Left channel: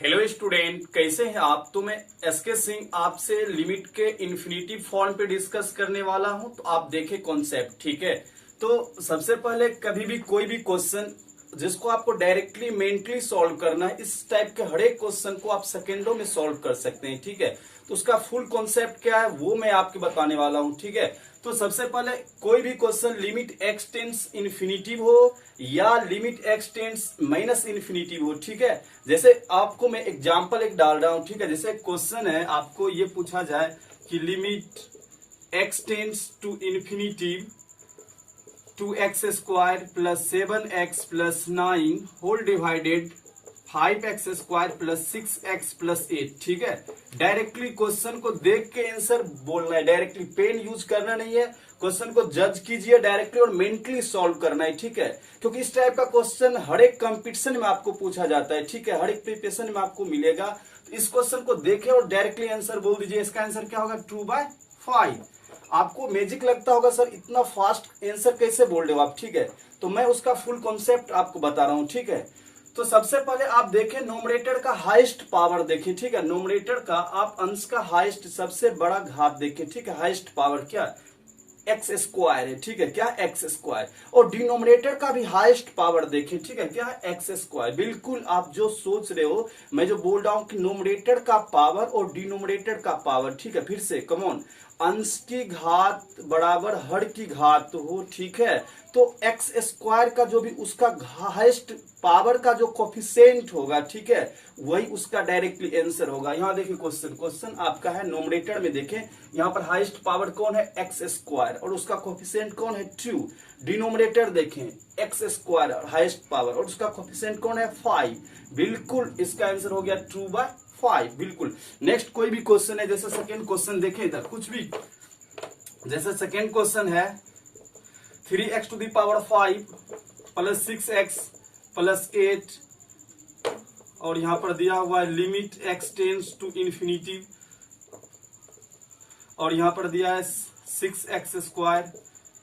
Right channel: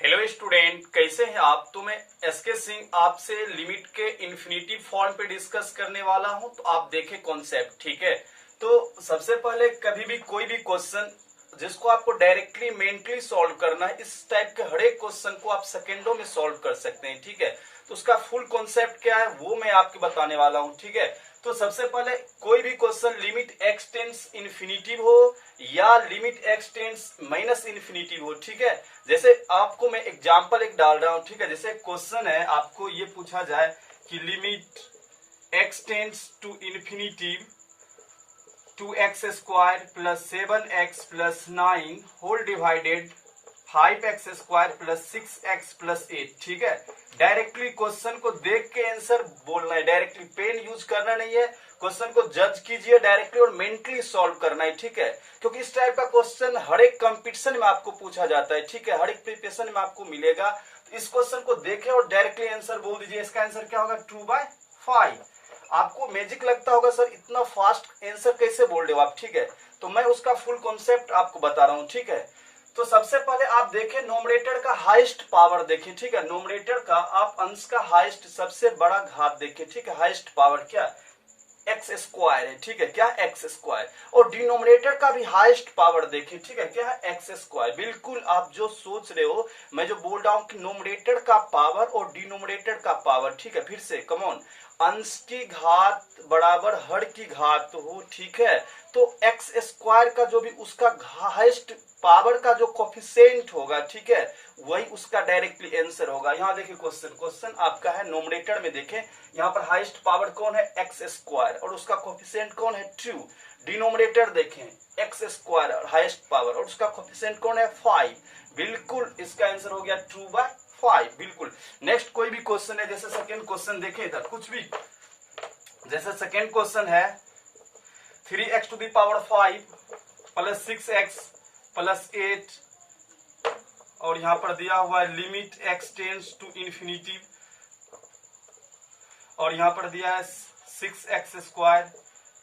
Hello student, कैसे हैं आप। तो मैं एसके सिंह आपसे लिमिट के इन्फिनिटी फॉर्म पे डिस्कस करने वाला हूं। तो आप देखें कॉन्सेप्ट, ठीक है। तो सबसे पहले कभी भी कोई भी क्वेश्चन जिसको आपको डायरेक्टली मेंटली सॉल्व करना है, इस टाइप के हर एक क्वेश्चन को आप सेकेंडों में सॉल्व कर सकते हैं, ठीक है। तो उसका फुल कॉन्सेप्ट क्या है वो मैं आपको बताने वाला हूं, ठीक है। तो सबसे पहले कोई भी question limit x tense infinitive हो या limit x tense minus infinitive हो, ठीक है। जैसे आपको मैं एग्जांपल एक डाल रहा हूं, ठीक है। जैसे क्वेश्चन है, आपको ये पूछा जाए कि limit x tends to infinitive 2x² plus 7x plus 9 whole divided 5x² plus 6x plus 8, ठीक है। डायरेक्टली क्वेश्चन को देख के आंसर बोलना है, डायरेक्टली पेन यूज करना नहीं है। क्वेश्चन को जज कीजिए डायरेक्टली और मेंटली सॉल्व करना है, ठीक है। क्योंकि इस टाइप का क्वेश्चन हर एक कंपटीशन में आपको पूछा जाता है, ठीक है। हर एक प्रिपरेशन में आपको मिलेगा। तो इस क्वेश्चन को देखें और डायरेक्टली आंसर बोल दीजिए। इसका आंसर क्या होगा? 2/5। आपको मैजिक लगता होगा, सर इतना फास्ट आंसर कैसे बोल रहे हो आप, ठीक है। तो मैं उसका फुल कॉन्सेप्ट आपको बता रहा हूं, ठीक है। तो सबसे पहले आप देखें नोमरेटर का हाईएस्ट पावर देखें, ठीक है। नोमरेटर का आप अंश का हाईएस्ट सबसे बड़ा घात देखें, ठीक है। हाईएस्ट पावर क्या x² है, ठीक है। क्या x²। और डिनोमिनेटर का भी हाईएस्ट पावर देखें, ठीक है। क्या है? x²। बिल्कुल आप जो सोच रहे हो, मैं जो बोल रहा हूं कि नोमरेटर का पावर और डिनोमिनेटर का पावर, ठीक है। फिर से कमॉन, अंश की घात बराबर हर की घात हो, ठीक है। तो x² का जो भी उसका हाईएस्ट पावर का जो कोफिशिएंट होगा, ठीक है, वही उसका डायरेक्टली आंसर होगा। यहां देखिए क्वेश्चन आपका है नोमरेटर में, देखें यहां पर हाईएस्ट पावर कौन है? x² और उसका कोफिशिएंट कौन है? 2। डिनोमिनेटर देखें x² हाईएस्ट पावर और उसका कोफिशिएंट कौन है? 5। बिल्कुल इसका आंसर हो गया 2/5। बिल्कुल। नेक्स्ट कोई भी क्वेश्चन है, जैसे सेकेंड क्वेश्चन देखें इधर कुछ भी, जैसे सेकेंड क्वेश्चन है 3x⁵ प्लस 6x प्लस 8 और यहां पर दिया हुआ है limit x tends to infinity और यहां पर दिया है 6x²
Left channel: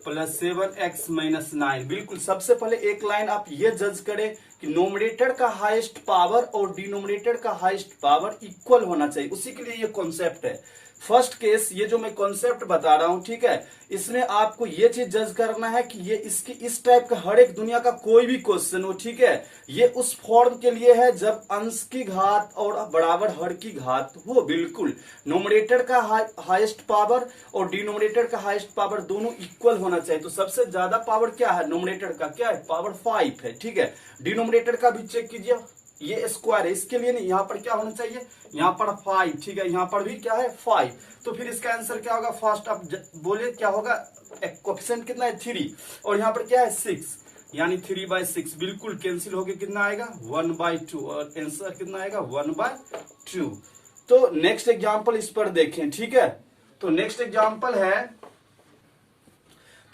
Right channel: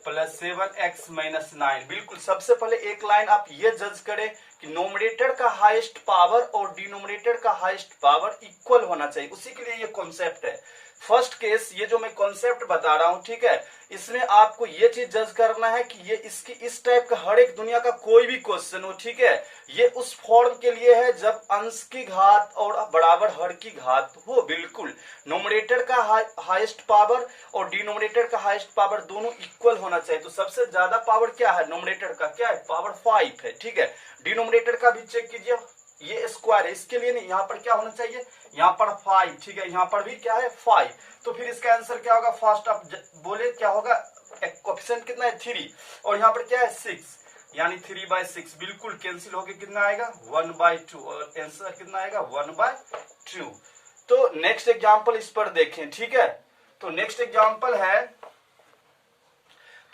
प्लस 7x माइनस 9। बिल्कुल सबसे पहले एक लाइन आप ये जज करें कि नोमरेटर का हाईएस्ट पावर और डिनोमिनेटर का हाईएस्ट पावर इक्वल होना चाहिए, उसी के लिए ये कॉन्सेप्ट है। फर्स्ट केस ये जो मैं कॉन्सेप्ट बता रहा हूं, ठीक है, इसमें आपको ये चीज जज करना है कि ये इसकी इस टाइप का हर एक दुनिया का कोई भी क्वेश्चन हो, ठीक है, ये उस फॉर्म के लिए है जब अंश की घात और बराबर हर की घात हो। बिल्कुल नोमरेटर का हाईएस्ट पावर और डिनोमिनेटर का हाईएस्ट पावर दोनों इक्वल होना चाहिए। तो सबसे ज्यादा पावर क्या है? नोमरेटर का क्या है? पावर 5 है, ठीक है। डिनोमिनेटर का भी चेक कीजिए, ये स्क्वायर है, इसके लिए नहीं, यहां पर क्या होना चाहिए? यहां पर 5, ठीक है। यहां पर भी क्या है? 5। तो फिर इसका आंसर क्या होगा? फर्स्ट आप बोले क्या होगा? कोएफिशिएंट कितना है? 3 और यहां पर क्या है? 6, यानी 3/6। बिल्कुल कैंसिल होके कितना आएगा? 1/2 और आंसर कितना आएगा? 1/2। तो नेक्स्ट एग्जांपल इस पर देखें, ठीक है। तो नेक्स्ट एग्जांपल है,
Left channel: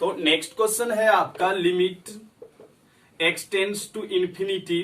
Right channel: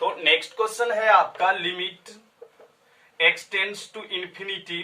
तो नेक्स्ट क्वेश्चन है आपका limit x tends to infinity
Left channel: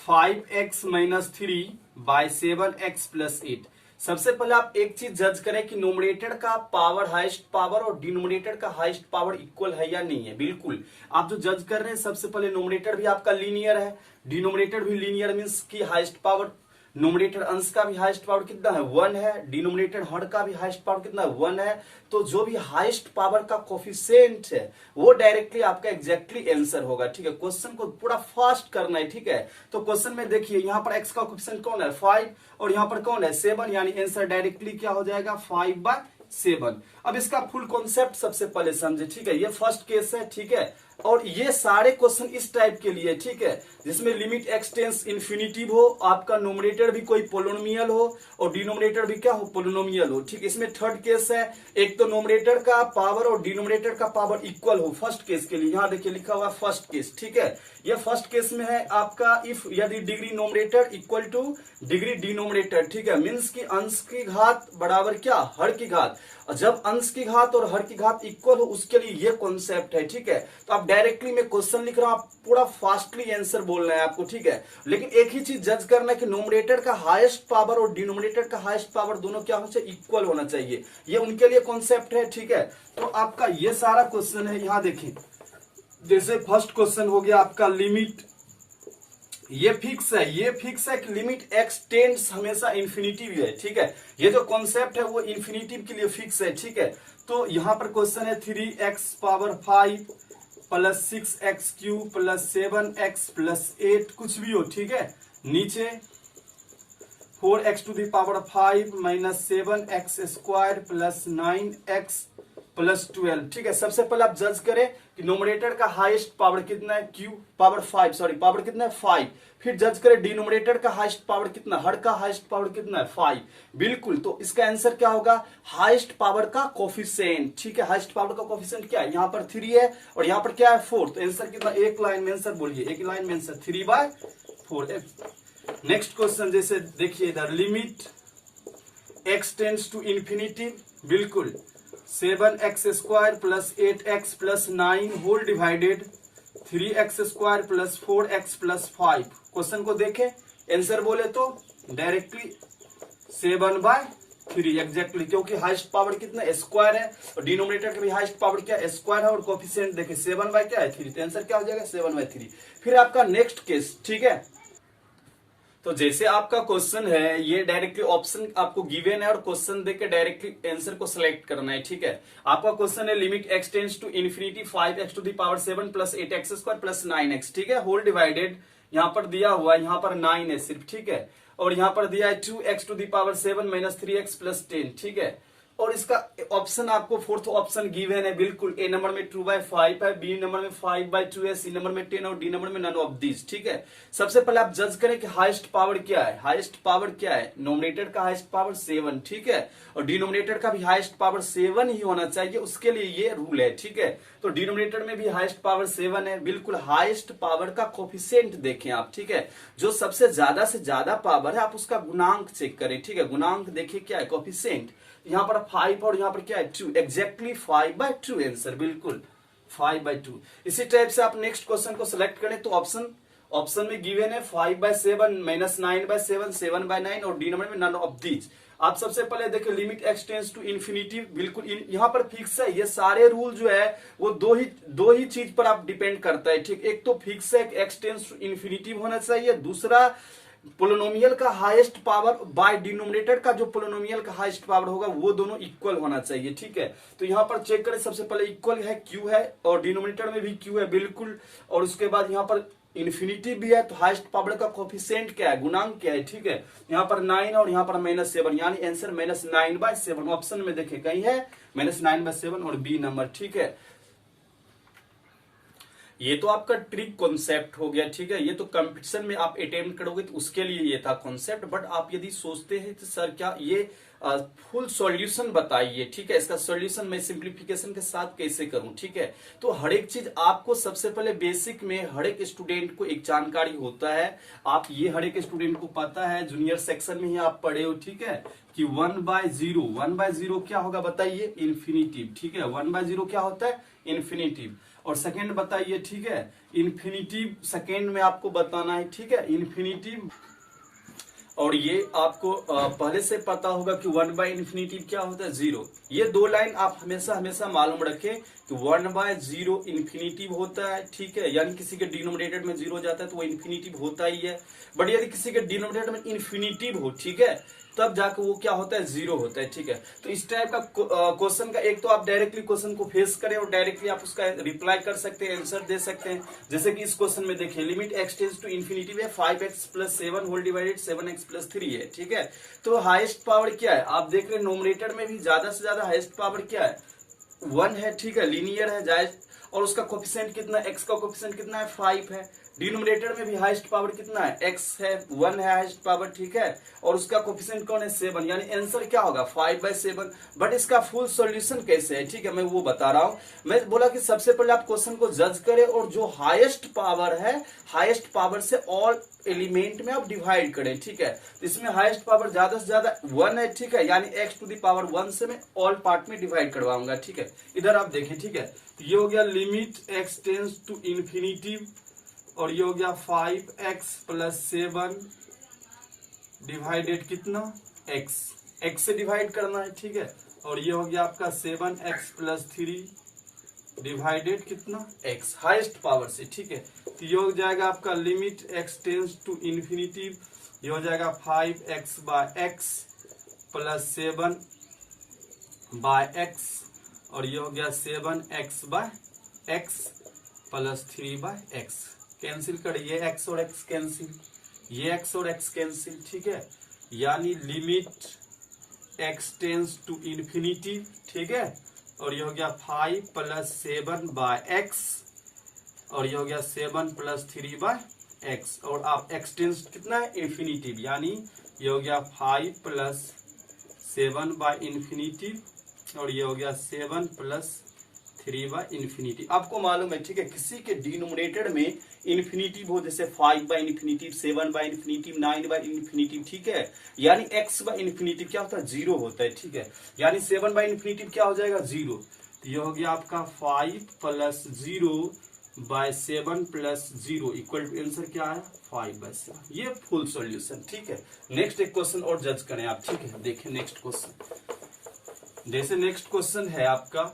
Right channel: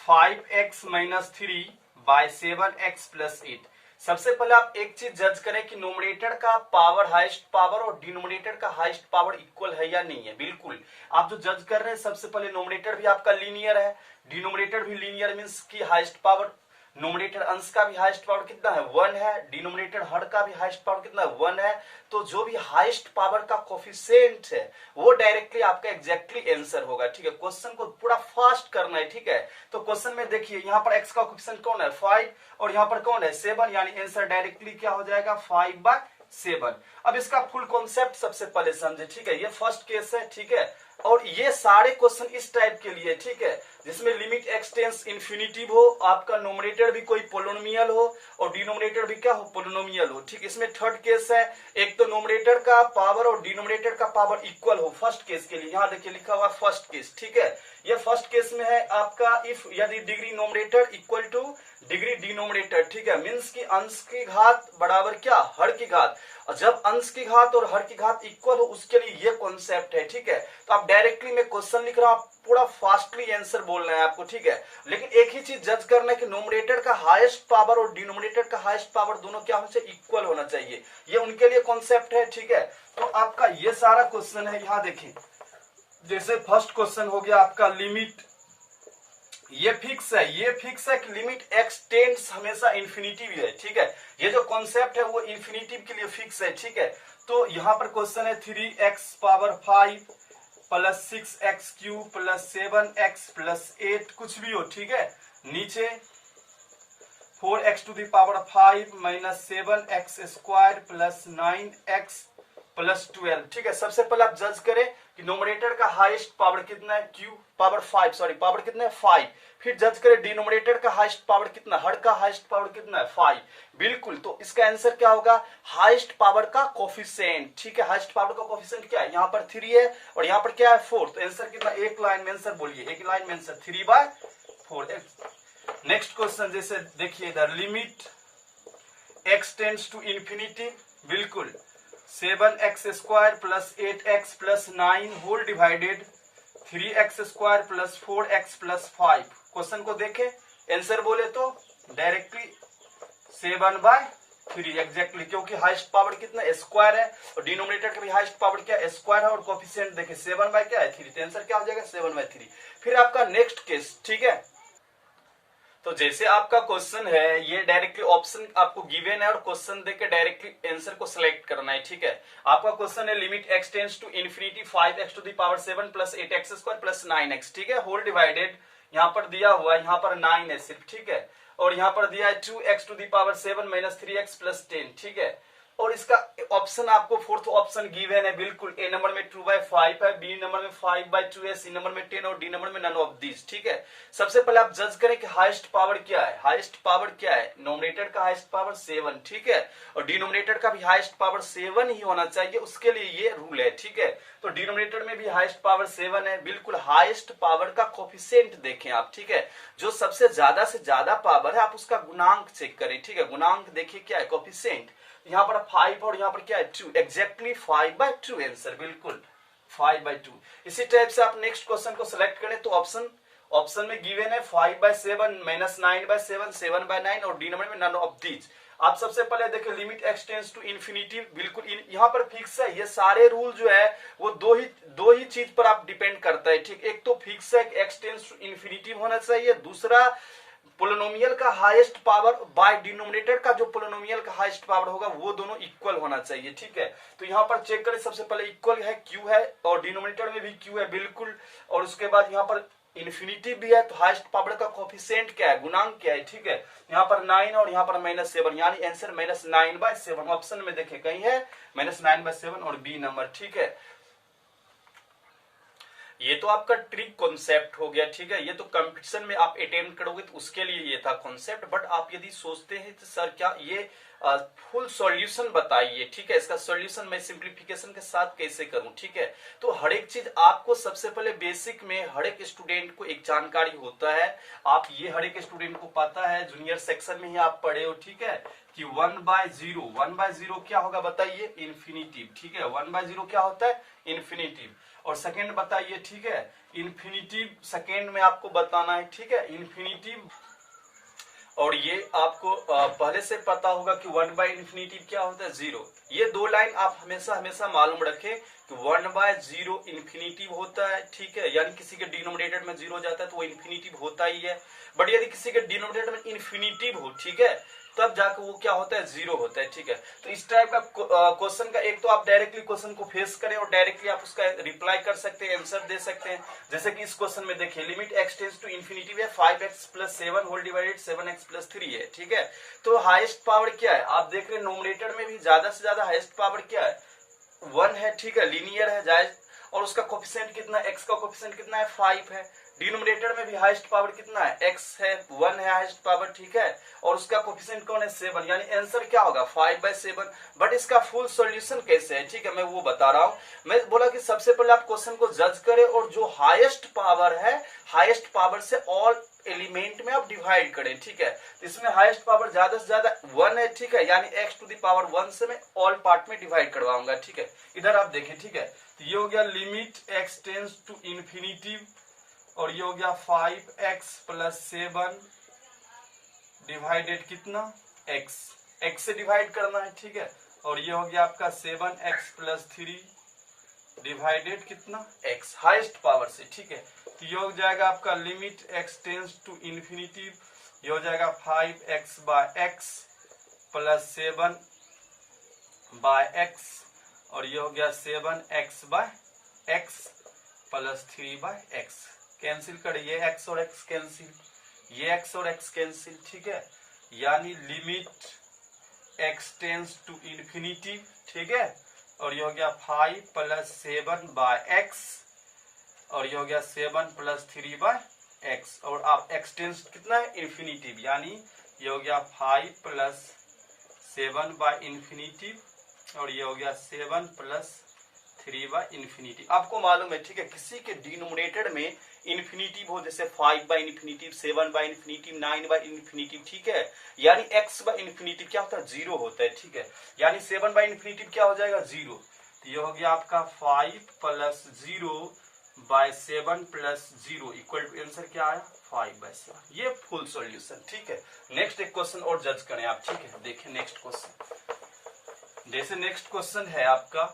5x minus 3 by 7x plus 8। सबसे पहले आप एक चीज जज करें कि नोमरेटर का पावर हाईएस्ट पावर और डिनोमिनेटर का हाईएस्ट पावर इक्वल है या नहीं है। बिल्कुल आप जो जज कर रहे हैं, सबसे पहले नोमरेटर भी आपका लीनियर है, डिनोमिनेटर भी लीनियर, मींस की हाईएस्ट पावर, नोमिनेटर अंश का भी हाईएस्ट पावर कितना है? 1 है। डिनोमिनेटर हर का भी हाईएस्ट पावर कितना है? 1 है। तो जो भी हाईएस्ट पावर का कोफिशिएंट है वो डायरेक्टली आपका एग्जैक्टली आंसर होगा, ठीक है। क्वेश्चन को पूरा फास्ट करना है, ठीक है। तो क्वेश्चन में देखिए यहाँ पर x का कोफिशिएंट कौन है? 5 और यहाँ पर कौन है? 7, यानी आंसर डायरेक्टली क्या हो जाएगा? 5/7। अब इसका फुल कॉन्सेप्ट सबसे पहले समझे, ठीक है। ये फर्स्ट केस है, ठीक है। और ये सारे क्वेश्चन इस टाइप के लिए, ठीक है, जिसमें लिमिट एक्स टेंस इन्फिनिटिव हो, आपका नोमिनेटर भी कोई पोलिनोमियल हो और डिनोमिनेटर भी क्या हो? पोलिनोमियल हो, ठीक। इसमें थर्ड केस है, एक तो नोमिनेटर का पावर और डिनोमिनेटर का पावर इक्वल हो, फर्स्ट केस के लिए। यहां देखिए लिखा हुआ फर्स्ट केस, ठीक है। ये फर्स्ट केस में है आपका इफ यदि degree nominator equal two degree denominator, ठीक है, मीन्स की अंश की घात बराबर क्या? हर की घात। जब अंश की घात और हर की घात इक्वल हो उसके लिए ये कॉन्सेप्ट है, ठीक है। तो आप डायरेक्टली मैं क्वेश्चन लिख रहा हूं, आप पूरा फास्टली आंसर बोलना है आपको, ठीक है। लेकिन एक ही चीज जज करना है कि नोमिनेटर का हाईएस्ट पावर और डिनोमिनेटर का हाईएस्ट पावर दोनों क्या होना चाहिए? इक्वल होना चाहिए। ये उनके लिए कॉन्सेप्ट है, ठीक है। तो आपका ये सारा क्वेश्चन है, यहां देखिए, जैसे फर्स्ट क्वेश्चन हो गया आपका लिमिट ये फिक्स है कि लिमिट एक्स टेंड्स हमेशा इन्फिनिटिव है, ठीक है। ये जो कॉन्सेप्ट है वो इन्फिनिटिव के लिए फिक्स है, ठीक है। तो यहां पर क्वेश्चन है 3x⁵ plus 6x³ plus 7x plus 8 कुछ भी हो, ठीक है। नीचे 4x⁵ minus 7x² plus 9x plus 12, ठीक है। सबसे पहले आप जज करें कि नोमिनेटर का हाईएस्ट पावर कितना है, पावर कितना है 5। फिर जज करें डिनोमिनेटर का हाईएस्ट पावर कितना, हर का हाईएस्ट पावर कितना है 5। बिल्कुल, तो इसका आंसर क्या होगा, हाईएस्ट पावर का कोफिशिएंट, ठीक है। हाईएस्ट पावर का कोफिशिएंट क्या है, यहाँ पर 3 है और यहाँ पर क्या है 4, तो आंसर कितना, एक लाइन में आंसर बोलिए, एक लाइन में आंसर 3/4। नेक्स्ट क्वेश्चन जैसे देखिए इधर, limit x tends to infinity, बिल्कुल 7x² plus 8x plus 9 whole divided 3x² plus 4x plus 5। Question को देखें, आंसर बोले तो डायरेक्टली 7/3 एग्जैक्टली, क्योंकि हाईएस्ट पावर कितना स्क्वायर है और डिनोमिनेटर का भी हाईएस्ट पावर क्या है स्क्वायर है, और कोफिशिएंट देखें 7/3, तो आंसर क्या हो जाएगा 7/3। फिर आपका नेक्स्ट केस, ठीक है। तो जैसे आपका क्वेश्चन है ये डायरेक्टली ऑप्शन आपको गिवन है और क्वेश्चन देके डायरेक्टली आंसर को सिलेक्ट करना है, ठीक है। आपका क्वेश्चन है limit x tends to infinity 5x⁵ plus 8x² plus 9x, ठीक है, होल डिवाइडेड, यहाँ पर दिया हुआ है, यहाँ पर 9 है सिर्फ, ठीक है, और यहाँ पर दिया है 2x⁵ माइनस 3x प्लस 10, ठीक है। और इसका ऑप्शन आपको फोर्थ ऑप्शन गिवन है, बिल्कुल। ए नंबर में 2/5 है, बी नंबर में 5/2 है, सी नंबर में 10 और डी नंबर में नन ऑफ दिस, ठीक है। सबसे पहले आप जज करें कि हाईएस्ट पावर क्या है, हाईएस्ट पावर क्या है, नोमिनेटर का हाईएस्ट पावर 7, ठीक है, और डिनोमिनेटर का भी हाईएस्ट पावर 7 ही होना चाहिए, उसके लिए ये रूल है, ठीक है। तो डिनोमिनेटर में भी हाईएस्ट पावर 7 है, बिल्कुल। हाईएस्ट पावर का कोफिशिएंट देखें आप, ठीक है, जो सबसे ज्यादा से ज्यादा पावर है आप उसका गुणांक चेक करें, ठीक है। गुणांक देखिए क्या है, कोफिशिएंट, यहाँ पर 5 और यहाँ पर क्या है 2, एग्जैक्टली 5/2 आंसर, बिल्कुल 5/2। इसी टाइप से आप नेक्स्ट क्वेश्चन को सिलेक्ट करें तो ऑप्शन में गिवन है 5/7 माइनस 9/7, 7/9 और डी नंबर में नन ऑफ दीज। आप सबसे पहले देखिए limit x tends to infinity, बिल्कुल यहाँ पर फिक्स है। ये सारे रूल जो है वो दो ही चीज पर आप डिपेंड करता है, ठीक। एक तो फिक्स है कि x टेंड्स टू इंफिनिटी होना चाहिए, दूसरा पोलिनोमियल का हाईएस्ट पावर बाय डिनोमिनेटर का जो पोलिनोमियल का हाईएस्ट पावर होगा वो दोनों इक्वल होना चाहिए, ठीक है। तो यहाँ पर चेक करें, सबसे पहले इक्वल है, क्यू है और डिनोमिनेटर में भी क्यू है, बिल्कुल। और उसके बाद यहाँ पर इन्फिनिटी भी है, तो हाईएस्ट पावर का कोफिशिएंट क्या है, गुणांक क्या है, ठीक है। यहाँ पर 9 और यहाँ पर -7, यानी आंसर -9/7। ऑप्शन में देखें कहीं है -9/7 और बी नंबर, ठीक है। ये तो आपका ट्रिक कॉन्सेप्ट हो गया, ठीक है। ये तो कंपटीशन में आप अटेम्प्ट करोगे तो उसके लिए ये था कॉन्सेप्ट। बट आप यदि सोचते हैं तो सर क्या ये फुल सॉल्यूशन बताइए, ठीक है, इसका सॉल्यूशन मैं सिंप्लीफिकेशन के साथ कैसे करूं, ठीक है। तो हर एक चीज आपको सबसे पहले बेसिक में हर एक स्टूडेंट को एक जानकारी होता है, आप ये हर एक स्टूडेंट को पता है, जूनियर सेक्शन में ही आप पढ़े हो, ठीक है, कि 1/0 क्या होगा बताइए, इन्फिनिटिव, ठीक है। 1/0 क्या होता है, इन्फिनिटिव। और सेकेंड बताइए, ठीक है, इन्फिनिटिव सेकेंड में आपको बताना है, ठीक है, इन्फिनिटिव। और ये आपको पहले से पता होगा कि 1/∞ क्या होता है, 0। ये दो लाइन आप हमेशा हमेशा मालूम रखें कि 1/0 इन्फिनिटिव होता है, ठीक है, यानी किसी के डिनोमिनेटर में 0 जाता है तो वो इन्फिनिटिव होता ही है। बट यदि किसी के डिनोमिनेटर में इन्फिनिटिव हो, ठीक है, तब जाकर वो क्या होता है, 0 होता है, ठीक है। तो इस टाइप का क्वेश्चन का एक तो आप डायरेक्टली क्वेश्चन को फेस करें और डायरेक्टली आप उसका रिप्लाई कर सकते हैं, आंसर दे सकते हैं। जैसे कि इस क्वेश्चन में देखिए limit x tends to infinity है 5x + 7 होल डिवाइडेड 7x + 3 है, ठीक है। तो हाईएस्ट पावर क्या है, आप देख रहे हैं नोमिनेटर में भी ज्यादा से ज्यादा हाईएस्ट पावर क्या है, 1 है, ठीक है, लीनियर है, जायज। और उसका कोफिशिएंट कितना, x का कोफिशिएंट कितना है, 5 है। डिनोमिनेटर में भी हाईएस्ट पावर कितना है, x है, 1 है हाईएस्ट पावर, ठीक है, और उसका कोफिशिएंट कौन है, 7, यानी आंसर क्या होगा 5/7। बट इसका फुल सॉल्यूशन कैसे है, ठीक है, मैं वो बता रहा हूं। मैं बोला कि सबसे पहले आप क्वेश्चन को जज करें और जो हाईएस्ट पावर है, हाईएस्ट पावर से ऑल एलिमेंट में आप डिवाइड करें, ठीक है। इसमें हाईएस्ट पावर ज्यादा से ज्यादा 1 है, ठीक है, यानी x⁴ से मैं ऑल पार्ट में डिवाइड करवाऊंगा, ठीक है। इधर आप देखें, ठीक है, तो ये हो गया limit x tends to infinity और ये हो गया 5x + 7 डिवाइडेड कितना, x से डिवाइड करना है, ठीक है। और ये हो गया आपका 7x + 3 डिवाइडेड कितना, x, हाईएस्ट पावर से, ठीक है। तो ये हो जाएगा आपका limit x tends to infinity, ये हो जाएगा 5x by x plus 7 by x, और ये हो गया 7x by x plus 3 by x. Cancel कर, ये x और x कैंसिल, ये x और x कैंसिल, ठीक है। यानी limit x tends to infinity, ठीक है, और ये हो गया 5 प्लस 7 बाय एक्स, और ये हो गया 7 प्लस 3 बाय एक्स, और आप x टेंस कितना है इन्फिनिटी, यानी ये हो गया 5 प्लस 7 बाय इन्फिनिटी, और ये हो गया 7 प्लस 3 बाय इन्फिनिटी। आपको मालूम है, ठीक है, किसी के डिनोमिनेटर में इन्फिनिटी हो, जैसे 5 by infinity, 7 by infinity, 9 by infinity, ठीक है, यानी x बाय इन्फिनिटी क्या होता है, 0 होता है, ठीक है, यानी 7 बाय इन्फिनिटी क्या हो जाएगा, 0। तो ये हो गया आपका 5 plus 0 by 7 plus 0 equal to answer क्या आया, 5 बाय 7। ये फुल सॉल्यूशन, ठीक है। नेक्स्ट एक क्वेश्चन और जज करें आप, ठीक है, देखिए नेक्स्ट क्वेश्चन। जैसे नेक्स्ट क्वेश्चन है आपका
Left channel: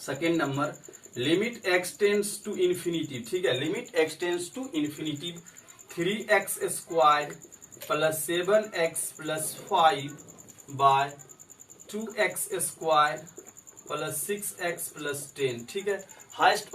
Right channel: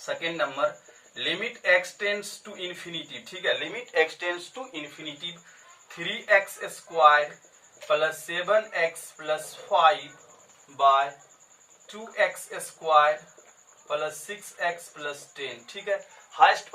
second number, limit x tends to infinity, ठीक है, limit x tends to infinity 3x square plus 7x plus 5 by 2x square plus 6x plus 10, ठीक है। हाईएस्ट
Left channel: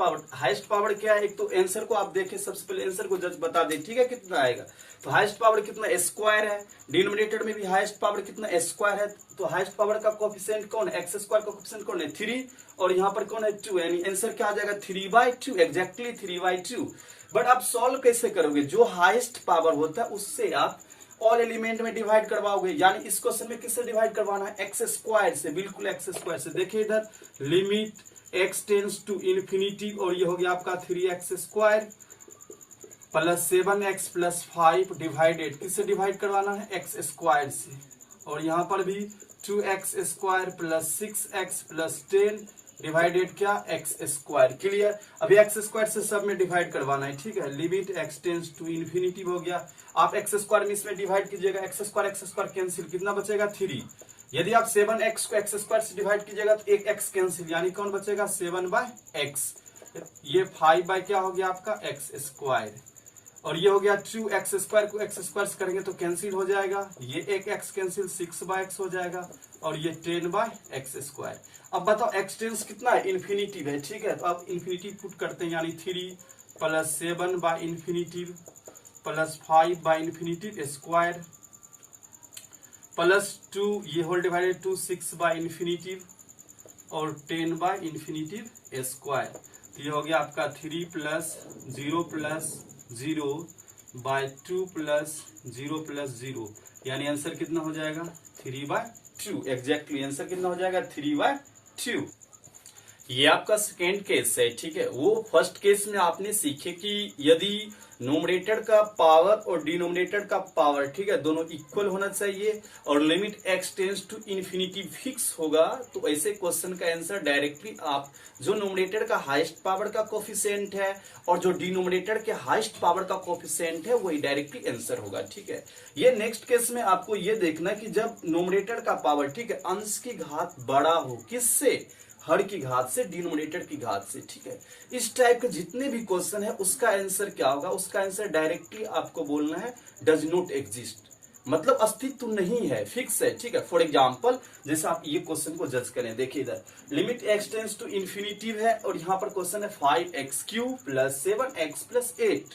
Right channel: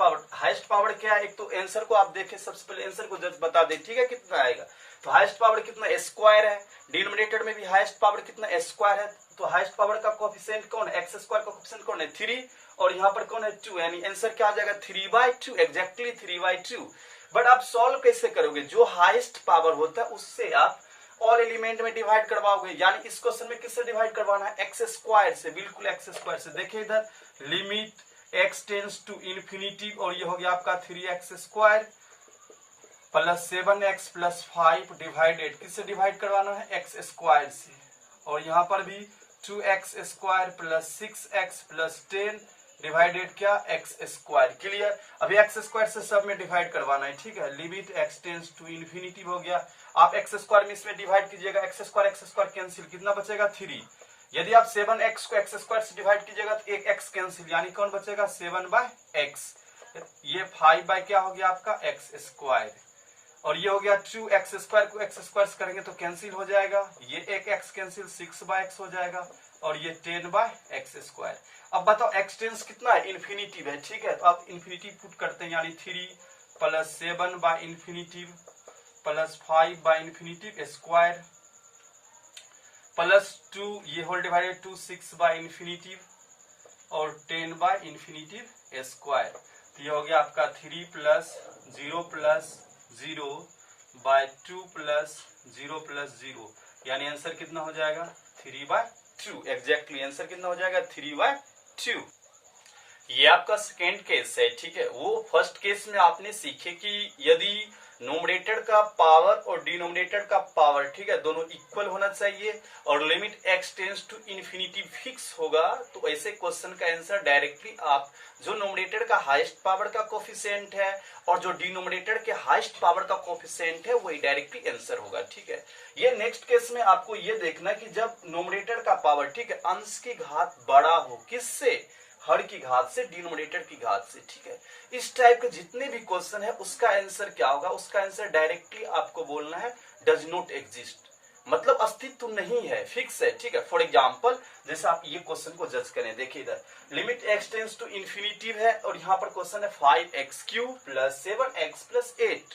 पावर क्या है, एक तो आंसर को आप देखें, सबसे पहले आंसर को जज बता दे, ठीक है, कितना आएगा। तो हाईएस्ट पावर कितना, स्क्वायर है, डिनोमिनेटर में भी हाईएस्ट पावर कितना, स्क्वायर है, तो हाईएस्ट पावर का कोएफिशिएंट कौन है, एक्स स्क्वायर का कोएफिशिएंट कौन है, 3, और यहाँ पर कौन है, 2, यानी आंसर क्या आ जाएगा 3/2, एग्जैक्टली 3/2। बट आप सॉल्व कैसे करोगे, जो हाईएस्ट पावर होता है उससे आप ऑल एलिमेंट में डिवाइड करवाओगे, यानी इस क्वेश्चन में किससे डिवाइड करवाना है, एक्स स्क्वायर से, बिल्कुल एक्स स्क्वायर से। देखिए इधर limit x tends to infinity, और ये हो गया आपका 3x square plus 7x plus 5 divided, किससे डिवाइड करवाना है, एक्स स्क्वायर से, और यहाँ पर भी 2x square plus 6x plus 10 divided क्या, एक्स स्क्वायर। क्लियर, अभी एक्स स्क्वायर से सब में डिवाइड करवाना है, ठीक है। Limit x tends to infinity हो गया, आप एक्स स्क्वायर में इसमें डिवाइड कीजिएगा, एक्स स्क्वायर कैंसिल, कितना बचेगा 3। यदि आप 7x को एक्स स्क्वायर से डिवाइड कीजिएगा तो एक x कैंसिल, यानी कौन बचेगा 7 बाय एक्स, ये 5 बाय क्या हो गया आपका एक्स स्क्वायर, और ये हो गया 2x स्क्वायर को एक्स स्क्वायर से करेंगे तो कैंसिल हो जाएगा, ये एक x कैंसिल 6 बाय एक्स हो जाएगा, और ये 10 बाय एक्स स्क्वायर। अब बताओ x टेंस कितना है, इन्फिनिटी है, ठीक है, तो आप इन्फिनिटी पुट करते हैं, यानी 3 plus 7 by infinity plus 5 by infinity square plus 2, ये होल डिवाइडेड 2, 6 बाय इन्फिनिटी और 10 बाय इन्फिनिटी स्क्वायर। तो ये हो गया आपका 3 plus 0 plus 0 by 2 plus 0 plus 0, यानी आंसर कितना हो जाएगा 3/2, एग्जैक्टली आंसर कितना हो जाएगा 3/2। ये आपका सेकेंड केस है, ठीक है। वो फर्स्ट केस में आपने सीखे कि यदि नोमिनेटर का पावर और डिनोमिनेटर का पावर, ठीक है, दोनों इक्वल होना चाहिए और limit x tends to infinity fix होगा, तो ऐसे क्वेश्चन का आंसर डायरेक्टली आप जो नोमिनेटर का हाईएस्ट पावर का कोफिशिएंट है और जो डिनोमिनेटर के हाईएस्ट पावर का कोफिशिएंट है वही डायरेक्टली आंसर होगा, ठीक है। ये नेक्स्ट केस में आपको ये देखना कि जब नोमिनेटर का पावर, ठीक है, अंश की घात बड़ा हो, किससे, हर की घात से, डिनोमिनेटर की घात से, ठीक है। इस टाइप के जितने भी क्वेश्चन है उसका आंसर क्या होगा, उसका आंसर डायरेक्टली आपको बोलना है डज नॉट एग्जिस्ट, मतलब अस्तित्व नहीं है, फिक्स है, ठीक है। फॉर एग्जांपल जैसे आप ये क्वेश्चन को जज करें, देखिए इधर limit x tends to infinity है और यहाँ पर क्वेश्चन है 5x³ plus 7x plus 8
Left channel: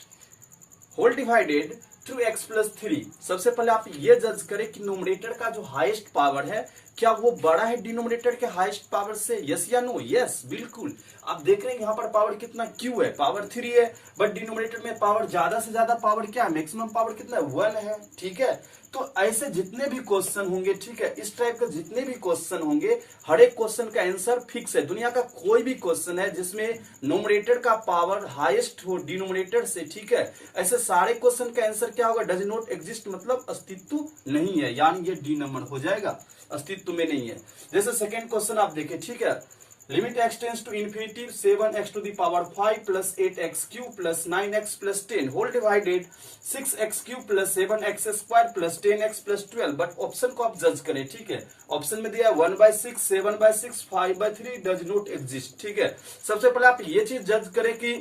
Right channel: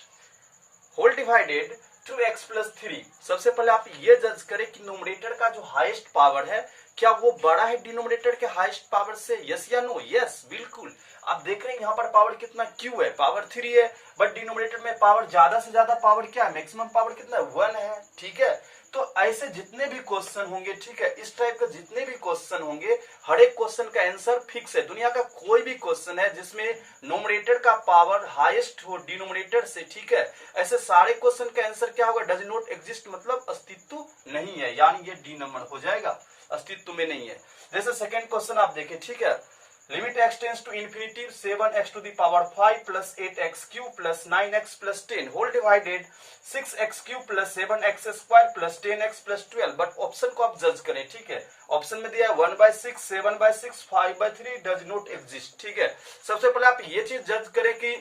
whole divided 2x plus 3। सबसे पहले आप ये जज करें कि नोमिनेटर का जो हाईएस्ट पावर है क्या वो बड़ा है डिनोमिनेटर के हाईएस्ट पावर से, यस या नो, यस, बिल्कुल। आप देख रहे हैं यहाँ पर पावर कितना q है, पावर 3 है, बट डिनोमिनेटर में पावर ज्यादा से ज्यादा पावर क्या है, मैक्सिमम पावर कितना है 1 है, ठीक है। तो ऐसे जितने भी क्वेश्चन होंगे, ठीक है, इस टाइप के जितने भी क्वेश्चन होंगे, हर एक क्वेश्चन का आंसर फिक्स है। दुनिया का कोई भी क्वेश्चन है जिसमें नोमिनेटर का पावर हाईएस्ट हो डिनोमिनेटर से, ठीक है, ऐसे सारे क्वेश्चन का आंसर क्या होगा, डज नॉट एग्जिस्ट, मतलब अस्तित्व नहीं है, यानी ये डी नंबर हो जाएगा, अस्तित्व में नहीं है। जैसे सेकेंड क्वेश्चन आप देखें, ठीक है, limit x tends to infinity 7x to the power 5 plus 8x³ plus 9x plus 10 whole divided 6x³ plus 7x square plus 10x plus 12। But option को आप जज करें, ठीक है, ऑप्शन में दिया है 1/6, 7/6, 5/3 डज नॉट एग्जिस्ट, ठीक है। सबसे पहले आप ये चीज जज करें कि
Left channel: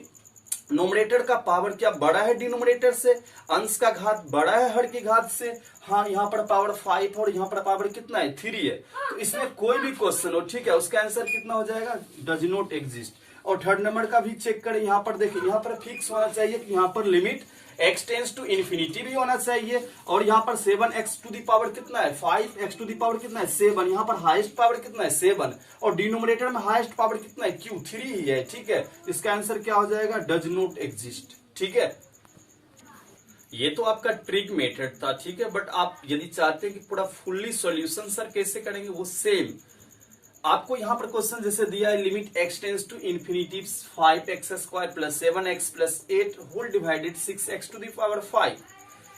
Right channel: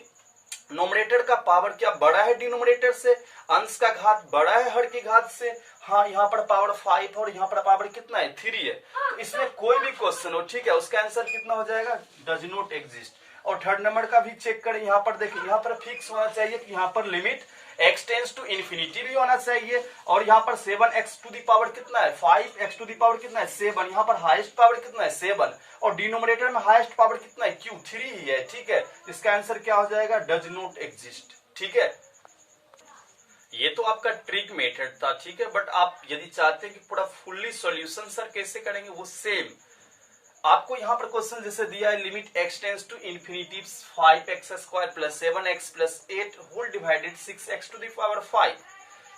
नोमिनेटर का पावर क्या बड़ा है डिनोमिनेटर से, अंश का घात बड़ा है हर की घात से। हाँ, यहाँ पर पावर 5 और यहाँ पर पावर कितना है 3 है। तो इसमें कोई भी क्वेश्चन हो, ठीक है, उसका आंसर कितना हो जाएगा, डज नॉट एग्जिस्ट। और थर्ड नंबर का भी चेक करें, यहाँ पर देखिए, यहाँ पर फिक्स होना चाहिए कि यहाँ पर limit x tends to infinity भी होना चाहिए। और यहाँ पर 7x टू दी पावर कितना है 5x टू दी पावर कितना है 7, यहाँ पर हाईएस्ट पावर कितना है 7 और डिनोमिनेटर में हाईएस्ट पावर कितना है q 3 ही है, ठीक है। इसका आंसर क्या हो जाएगा, डज नॉट एग्जिस्ट, ठीक है। ये तो आपका ट्रिक मेथड था, ठीक है, बट आप यदि चाहते हैं कि पूरा फुल्ली सॉल्यूशन सर कैसे करेंगे, वो सेम आपको यहाँ पर क्वेश्चन जैसे दिया है, limit x tends to infinity 5x square plus 7x plus 8 whole divided 6x to the power 5।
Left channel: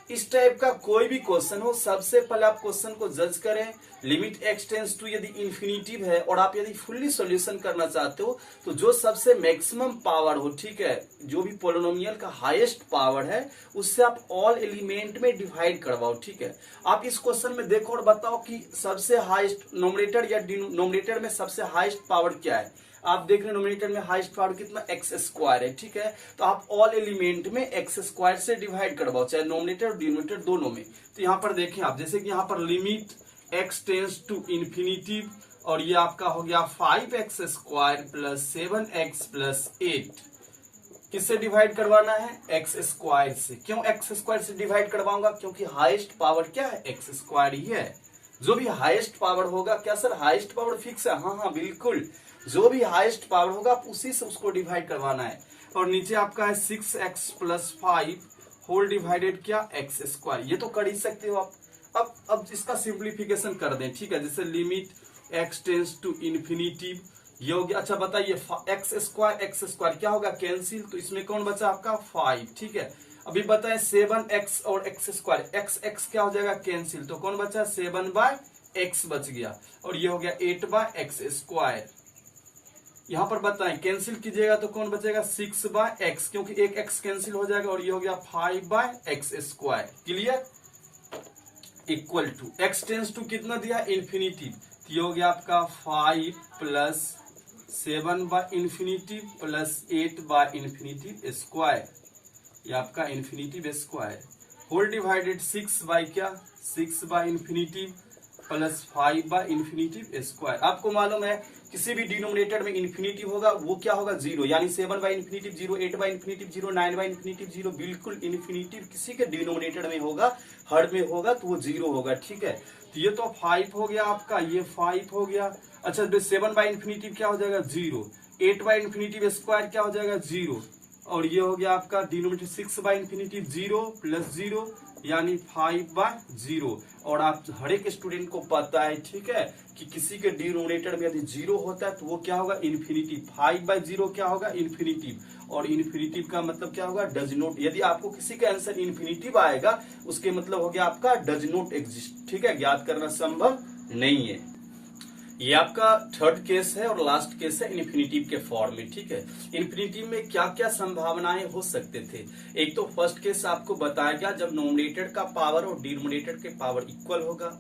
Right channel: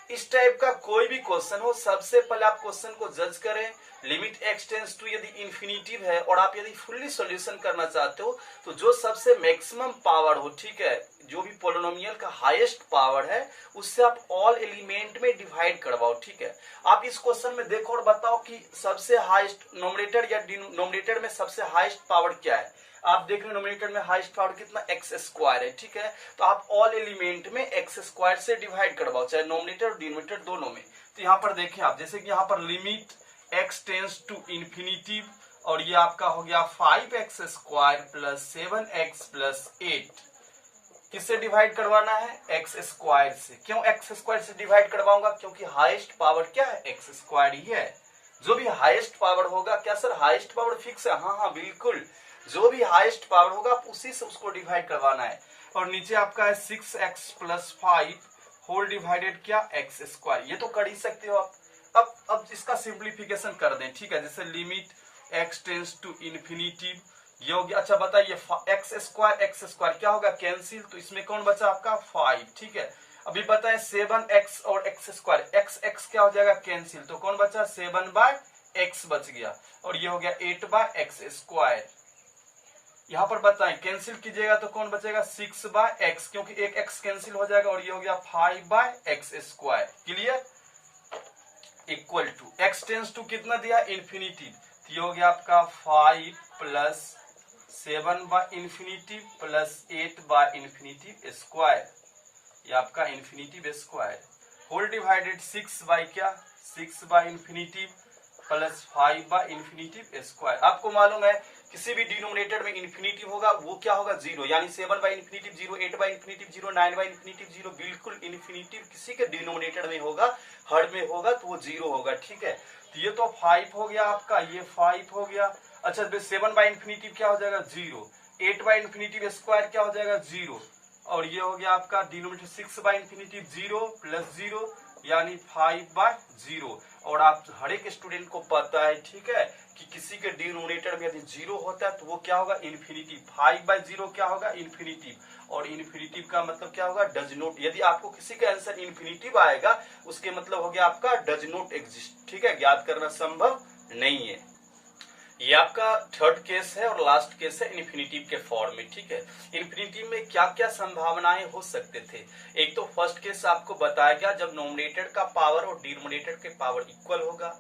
इस टाइप का कोई भी क्वेश्चन हो, सबसे पहले आप क्वेश्चन को जज करें। लिमिट x टेंस टू यदि इन्फिनिटिव है और आप यदि फुल्ली सॉल्यूशन करना चाहते हो, तो जो सबसे मैक्सिमम पावर हो, ठीक है, जो भी पोलिनोमियल का हाईएस्ट पावर है, उससे आप ऑल एलिमेंट में डिवाइड करवाओ, ठीक है। आप इस क्वेश्चन में देखो और बताओ कि सबसे हाईएस्ट नोमिनेटर या डिनोमिनेटर में सबसे हाईएस्ट पावर क्या है। आप देख रहे हैं नोमिनेटर में हाईएस्ट पावर कितना x स्क्वायर है, ठीक है। तो आप ऑल एलिमेंट में x स्क्वायर से डिवाइड करवाओ, चाहे नोमिनेटर और डिनोमिनेटर दोनों में। तो यहाँ पर देखें आप, जैसे कि यहाँ पर limit x tends to infinity और ये आपका हो गया 5x square plus 7x plus 8, किससे डिवाइड करवाना है, x स्क्वायर से। क्यों x स्क्वायर से डिवाइड करवाऊंगा, क्योंकि हाईएस्ट पावर क्या है, x स्क्वायर ही है। जो भी हाईएस्ट पावर होगा, क्या सर हाईएस्ट पावर फिक्स है, हाँ हाँ बिल्कुल, जो भी हाईएस्ट पावर होगा आप उसी से उसको डिवाइड करवाना है। और नीचे आपका है 6x प्लस 5 होल डिवाइडेड क्या x स्क्वायर, ये तो कर ही सकते हो आप। अब इसका सिंप्लीफिकेशन कर दें, ठीक है, जैसे limit x tends to infinity, ये हो गया। अच्छा बताइए x स्क्वायर क्या होगा, कैंसिल, तो इसमें कौन बचा आपका 5, ठीक है। अभी बताएं 7x और x स्क्वायर, x क्या हो जाएगा कैंसिल, तो कौन बचा 7/x बच गया और ये हो गया 8/x स्क्वायर। यहाँ पर बताएं कैंसिल कीजिएगा तो कौन बचेगा 6/x, क्योंकि एक x कैंसिल हो जाएगा और ये हो गया 5/x square. Clear, equal to x tends to कितना दिया इन्फिनिटी, तो ये हो गया आपका 5 प्लस 7/इन्फिनिटी प्लस 8/इन्फिनिटी स्क्वायर, ये आपका इन्फिनिटी स्क्वायर होल डिवाइडेड 6/इन्फिनिटी प्लस 5/इन्फिनिटी स्क्वायर। आपको मालूम है किसी भी डिनोमिनेटर में इन्फिनिटी होगा वो क्या होगा 0, यानी 7/इन्फिनिटी 0, 8/इन्फिनिटी 0, 9/इन्फिनिटी 0, बिल्कुल इन्फिनिटी किसी के डिनोमिनेटर में होगा, हर में होगा तो वो 0 होगा, ठीक है। तो ये तो 5 हो गया आपका, ये 5 हो गया। अच्छा 7/इन्फिनिटी क्या हो जाएगा 0, 8/इन्फिनिटी स्क्वायर क्या हो जाएगा 0 और ये हो गया आपका डिनोमिनेटर 6/इन्फिनिटी 0 प्लस 0 यानी 5/0। और आप हर एक स्टूडेंट को पता है, ठीक है, कि किसी के डिनोमिनेटर में यदि 0 होता है तो वो क्या होगा इन्फिनिटी, 5/0 क्या होगा इन्फिनिटी, और इन्फिनिटी का मतलब क्या होगा डज नॉट। यदि आपको किसी का आंसर इन्फिनिटी आएगा उसके मतलब हो गया आपका डज नॉट एग्जिस्ट, ठीक है, ज्ञात करना संभव नहीं है। ये आपका थर्ड केस है और लास्ट केस है इन्फिनिटिव के फॉर्म में, ठीक है। इन्फिनिटिव में क्या क्या संभावनाएं हो सकते थे, एक तो फर्स्ट केस आपको बताया गया जब नोमिनेटर का पावर और डिनोमिनेटर के पावर इक्वल होगा।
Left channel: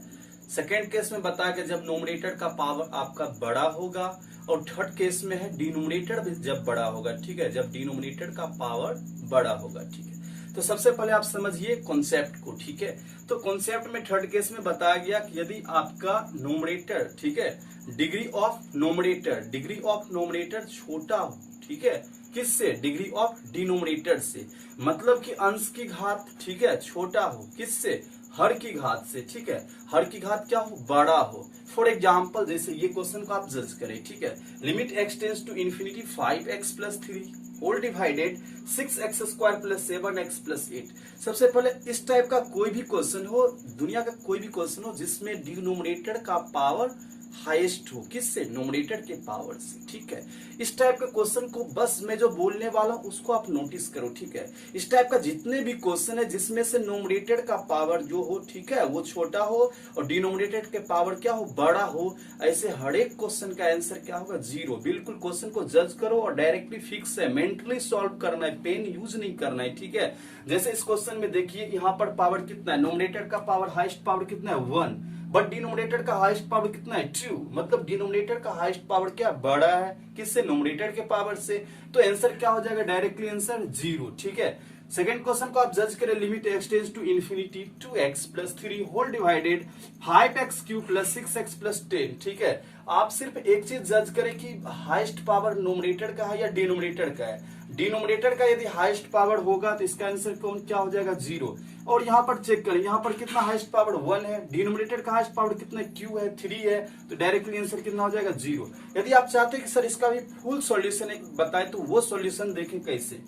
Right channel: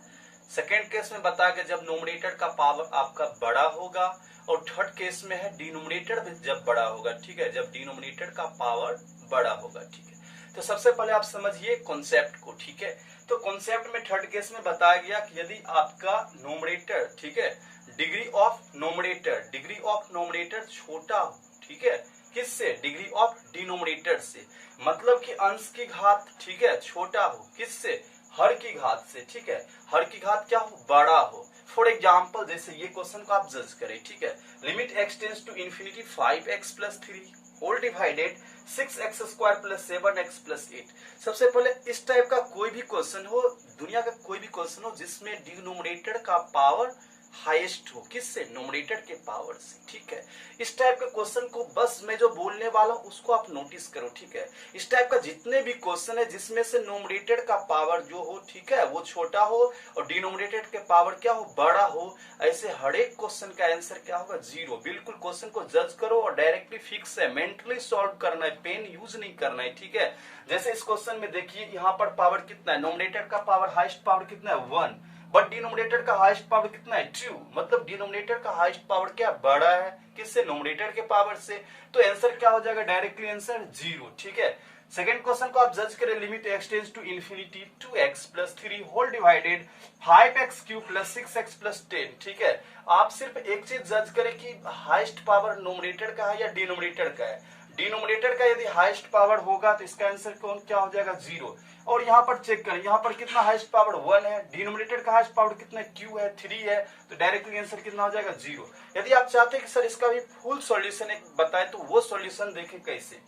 सेकेंड केस में बताया गया जब नोमिनेटर का पावर आपका बड़ा होगा, और थर्ड केस में है डिनोमिनेटर भी जब बड़ा होगा, ठीक है, जब डिनोमिनेटर का पावर बड़ा होगा, ठीक है। तो सबसे पहले आप समझिए कॉन्सेप्ट को, ठीक है। तो कॉन्सेप्ट में थर्ड केस में बताया गया कि यदि आपका नोमिनेटर, ठीक है, डिग्री ऑफ नोमिनेटर छोटा हो, ठीक है, किससे, डिग्री ऑफ डिनोमिनेटर से, मतलब कि अंश की घात, ठीक है, छोटा हो, किससे, हर की घात से, ठीक है, हर की घात क्या हो बड़ा हो। फॉर एग्जाम्पल जैसे ये क्वेश्चन को आप जज करें, ठीक है, limit x tends to infinity 5x plus 3 whole divided 6x square plus 7x plus 8। सबसे पहले इस टाइप का कोई भी क्वेश्चन हो, दुनिया का कोई भी क्वेश्चन हो जिसमें डिनोमिनेटर का पावर हाईएस्ट हो, किससे, नोमिनेटर के पावर से, ठीक है। इस टाइप के क्वेश्चन को बस मैं जो बोलने वाला हूं उसको आप नोटिस करो, ठीक है। इस टाइप का जितने भी क्वेश्चन है जिसमें से नोमिनेटर का पावर जो हो, ठीक है, वो छोटा हो और डिनोमिनेटर के पावर क्या हो बड़ा हो, ऐसे हर एक क्वेश्चन का आंसर क्या होगा 0। बिल्कुल क्वेश्चन को जज करो और डायरेक्टली फिक्स है, मेंटली सॉल्व करना है, पेन यूज नहीं करना है, ठीक है। जैसे इस क्वेश्चन में देखिए यहाँ पर पावर कितना है, नोमिनेटर का पावर हाईएस्ट पावर कितना है 1 बट डिनोमिनेटर का हाईएस्ट पावर कितना है 2, मतलब डिनोमिनेटर का हाईएस्ट पावर क्या बड़ा है किससे, नोमिनेटर के पावर से। तो आंसर क्या हो जाएगा, डायरेक्टली आंसर 0। ठीक है, सेकंड क्वेश्चन को आप जज करें, limit x tends to infinity 2x plus 3 whole divided 5x cube plus 6x plus 10। ठीक है, आप सिर्फ एक चीज जज करें कि हाईएस्ट पावर नोमिनेटर का है या डिनोमिनेटर का है। डिनोमिनेटर का यदि हाईएस्ट पावर होगा तो इसका आंसर कौन क्या हो जाएगा 0। और यहाँ पर चेक करें, यहाँ पर कितना हाईएस्ट पावर 1 है, डिनोमिनेटर का हाईएस्ट पावर कितना q है 3 है, तो डायरेक्टली आंसर कितना हो जाएगा 0। यदि आप चाहते हैं कि सर इसका भी फुल सॉल्यूशन एक बताए तो वो सॉल्यूशन देखें कैसे।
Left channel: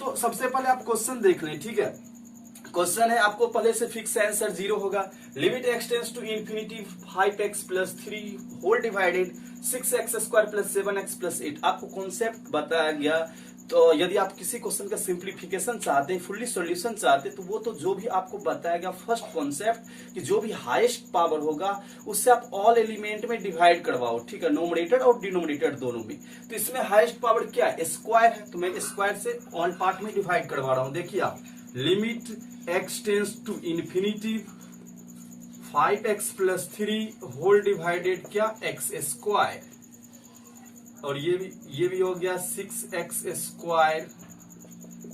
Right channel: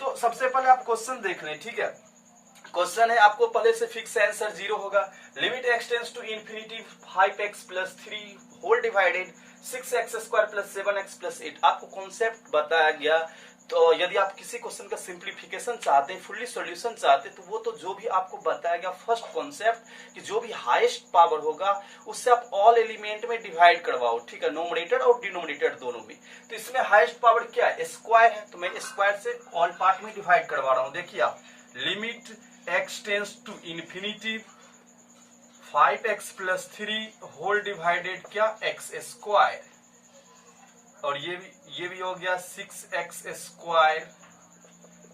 तो सबसे पहले आप क्वेश्चन देख लें। ठीक है, क्वेश्चन है आपको पहले से फिक्स आंसर 0 होगा। Limit x tends to infinity 5x plus 3 whole divided 6x square plus 7x plus 8। आपको कॉन्सेप्ट बताया गया। तो यदि आप किसी क्वेश्चन का सिंप्लीफिकेशन चाहते हैं, फुल्ली सॉल्यूशन चाहते हैं, तो वो तो जो भी आपको बताया गया फर्स्ट कॉन्सेप्ट कि जो भी हाईएस्ट पावर होगा उससे आप ऑल एलिमेंट में डिवाइड करवाओ। ठीक है, नोमिनेटर और डिनोमिनेटर दोनों में। तो इसमें हाईएस्ट पावर क्या है, स्क्वायर है, तो मैं स्क्वायर से ऑल पार्ट में डिवाइड करवा रहा हूं। देखिए आप, limit x tends to infinity 5x plus 3 whole divided क्या x स्क्वायर, और ये भी हो गया 6x square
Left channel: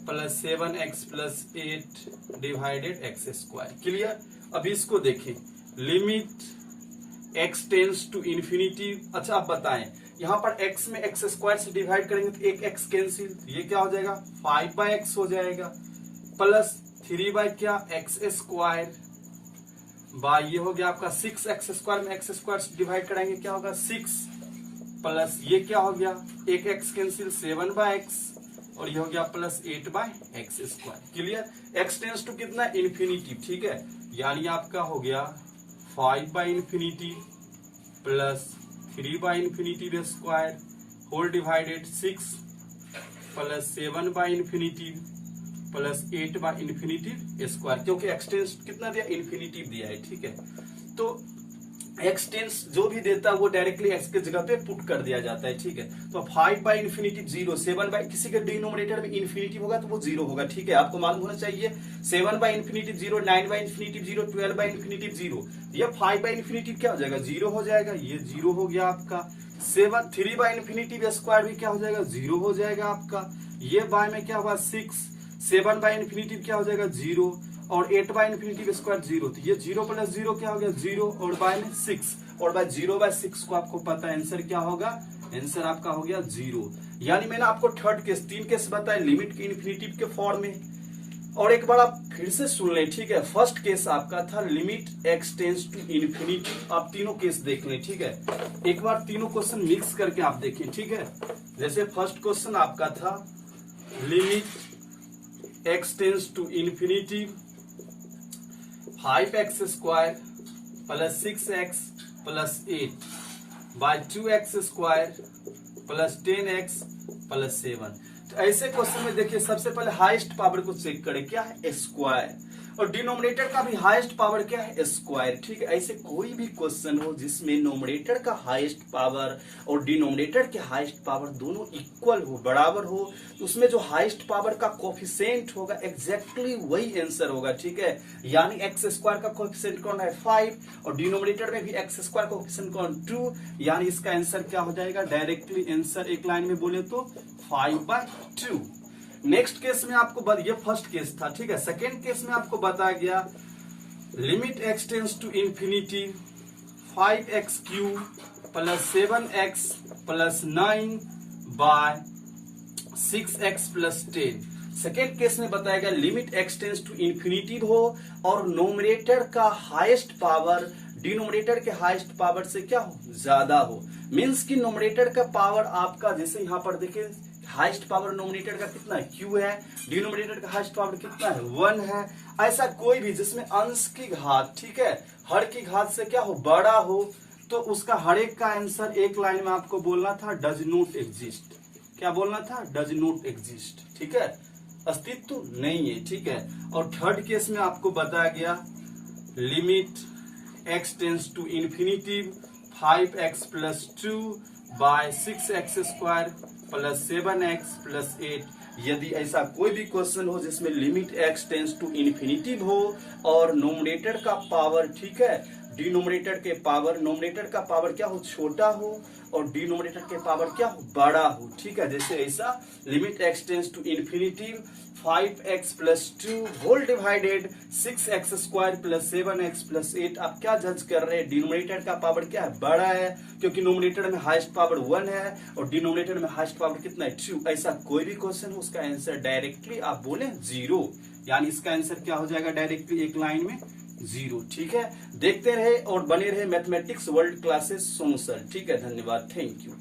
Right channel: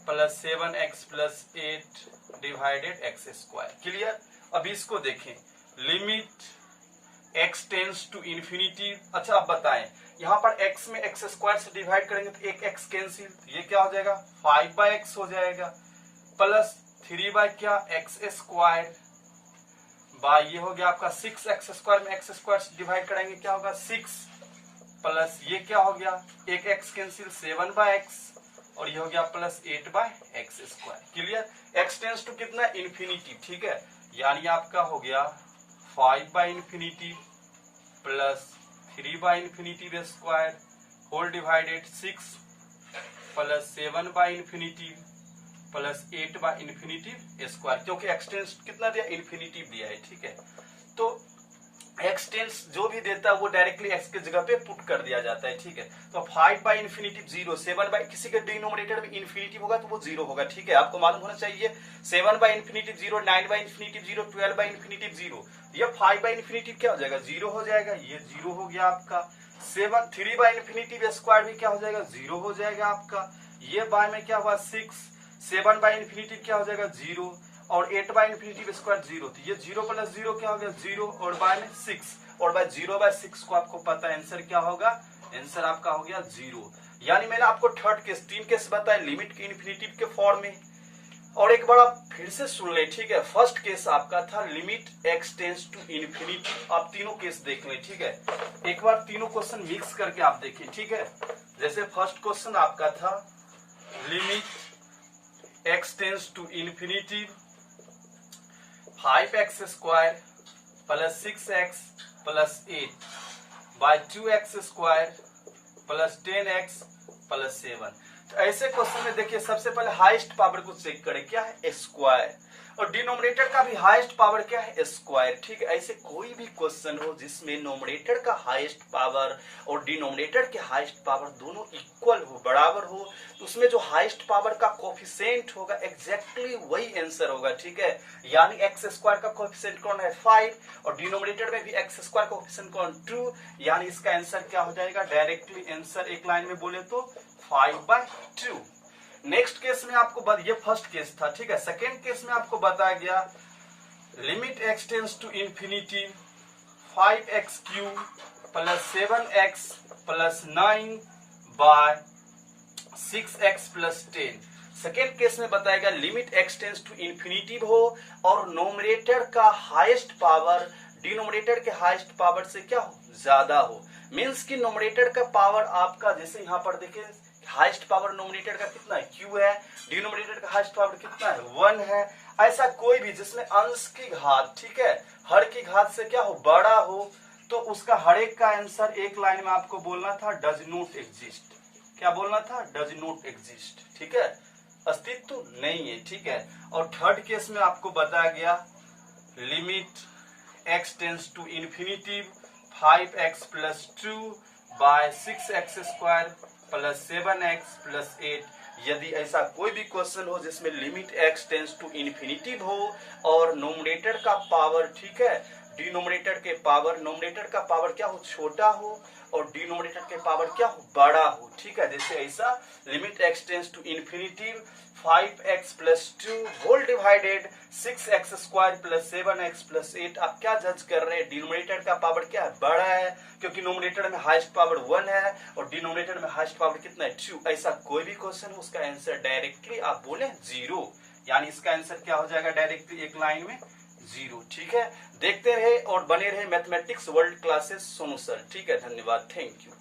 plus 7x plus 8 divided x square. Clear. अभी इसको देखें, limit x tends to infinity. अच्छा आप बताएं, यहाँ पर x में x स्क्वायर से डिवाइड करेंगे तो एक x कैंसिल, तो ये क्या हो जाएगा 5/x हो जाएगा, प्लस 3 बाय क्या x स्क्वायर बाय ये हो गया आपका 6x स्क्वायर में x स्क्वायर से डिवाइड कराएंगे क्या होगा 6, प्लस ये क्या हो गया एक x कैंसिल 7/x, और ये हो गया plus 8/x square. Clear. x tends to कितना इन्फिनिटी। ठीक है, यानी आपका हो गया 5/इंफिनिटी प्लस 3/इंफिनिटी स्क्वायर होल डिवाइडेड 6 प्लस 7/इंफिनिटी प्लस 8/इंफिनिटी स्क्वायर, क्योंकि x टेंड्स कितना दिया इन्फिनिटी दिया है। ठीक है, तो x टेंस जो भी देता है वो डायरेक्टली x के जगह पे पुट कर दिया जाता है। ठीक है, तो 5/इंफिनिटी 0, 7 किसी के डिनोमिनेटर में इन्फिनिटी होगा तो वो 0 होगा। ठीक है, आपको मालूम होना चाहिए 7/इंफिनिटी 0, 9/इंफिनिटी 0, 12/इंफिनिटी 0। ये 5/इंफिनिटी क्या हो जाएगा 0 हो जाएगा, ये 0 हो गया आपका। 3/इंफिनिटी स्क्वायर भी क्या हो जाएगा 0 हो जाएगा आपका। ये बाय में क्या हुआ 6, 7/इंफिनिटी क्या हो जाएगा 0, और 8/इंफिनिटी स्क्वायर 0, तो ये 0 प्लस 0 क्या हो गया 0, और बाय में 6, और बाय 0/6 को आपको पता है आंसर क्या होगा, आंसर आपका हो गया 0। यानी मैंने आपको थर्ड केस 3 केस बताया लिमिट की इन्फिनिटी के फॉर्म में, और एक बार आप फिर से सुन लें। ठीक है, फर्स्ट केस आपका था limit x tends to infinity. आप तीनों केस देख लें। ठीक है, एक बार तीनों क्वेश्चन मिक्स करके आप देखें। ठीक है, जैसे फर्स्ट क्वेश्चन आपका था limit x tends to infinity 5x square plus 6x plus 8 by 2x square plus 10x plus 7। तो ऐसे क्वेश्चन में देखिए सबसे पहले हाईएस्ट पावर को चेक करें, क्या है स्क्वायर, और डिनोमिनेटर का भी हाईएस्ट पावर क्या है स्क्वायर। ठीक है, ऐसे कोई भी क्वेश्चन हो जिसमें नोमिनेटर का हाईएस्ट पावर और डिनोमिनेटर के हाईएस्ट पावर दोनों इक्वल हो, बराबर हो, तो उसमें जो हाईएस्ट पावर का कोफिशिएंट होगा एग्जैक्टली वही आंसर होगा। ठीक है, यानी एक्स स्क्वायर का कोफिशिएंट कौन है 5, और डिनोमिनेटर में भी एक्स स्क्वायर का कोफिशिएंट कौन 2, यानी इसका आंसर क्या हो जाएगा डायरेक्टली आंसर एक लाइन में बोले तो 5/2। नेक्स्ट केस में आपको ये फर्स्ट केस था। ठीक है, सेकेंड केस में आपको बताया गया limit x tends to infinity 5x cube plus 7x plus 9 by 6x plus 10। Second case में बताया गया limit x tends to infinity हो और नोमिनेटर का हाईएस्ट पावर डिनोमिनेटर के हाईएस्ट पावर से क्या हो ज्यादा हो। मीन्स कि नोमिनेटर का पावर आपका जैसे यहाँ पर देखिए हाईएस्ट पावर नोमिनेटर का कितना है q है, डिनोमिनेटर का हाईएस्ट पावर कितना है 1 है। ऐसा कोई भी जिसमें अंश की घात, ठीक है, हर की घात से क्या हो बड़ा हो, तो उसका हर एक का आंसर एक लाइन में आपको बोलना था डज नॉट एग्जिस्ट। क्या बोलना था डज नॉट एग्जिस्ट। ठीक है, अस्तित्व नहीं है। ठीक है, और थर्ड केस में आपको बताया गया limit x tends to infinity 5x plus 2 by 6x square plus 7x plus 8। यदि ऐसा कोई भी क्वेश्चन हो जिसमें limit x tends to infinity हो और नोमिनेटर का पावर, ठीक है, डिनोमिनेटर के पावर, नोमिनेटर का पावर क्या हो, छोटा हो, और डिनोमिनेटर के पावर क्या हो, बड़ा हो। ठीक है, जैसे ऐसा limit x tends to infinity 5x plus 2 whole divided 6x square plus 7x plus 8। आप क्या जज कर रहे हैं, डिनोमिनेटर का पावर क्या है, बड़ा है, क्योंकि नोमिनेटर में हाईएस्ट पावर 1 है और डिनोमिनेटर में हाईएस्ट पावर कितना है, 2। ऐसा कोई भी क्वेश्चन हो उसका आंसर डायरेक्टली आप बोले 0, यानी इसका आंसर क्या हो जाएगा डायरेक्टली एक लाइन में 0। ठीक है, देखते रहे और बने रहे mathematics world classes Sonu sir. ठीक है, धन्यवाद, थैंक यू।